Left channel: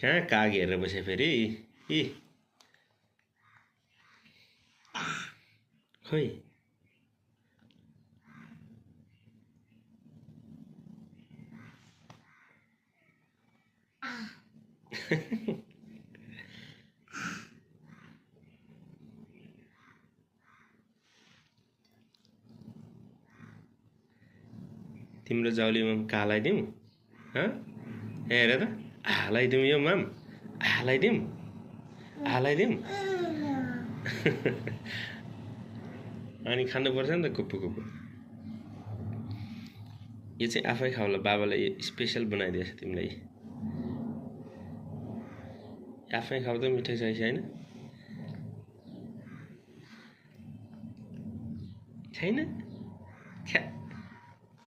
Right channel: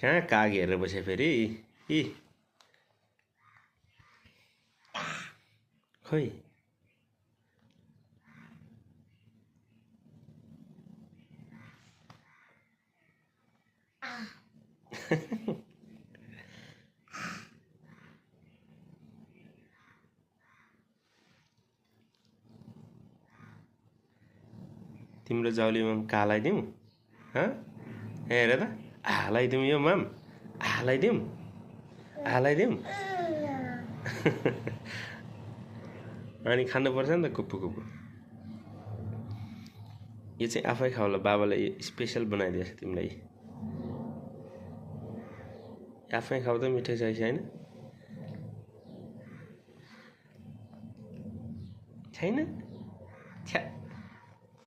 कहाँ काग हेरेर बसे फेरि इ खोइ तिम्रो जाउलीमा कालाइदिउँ हेर त हालाइदिउँ यो माम हालाइदिउँ अनि खानुपर्छ नि त कुप्पु कुप्पु यो चाहिँ आफै खाउला बाबाले स्पेसल बनाइदिएछ तिमीलाई आफै खाउ त मिठो छ कि छैन छ्या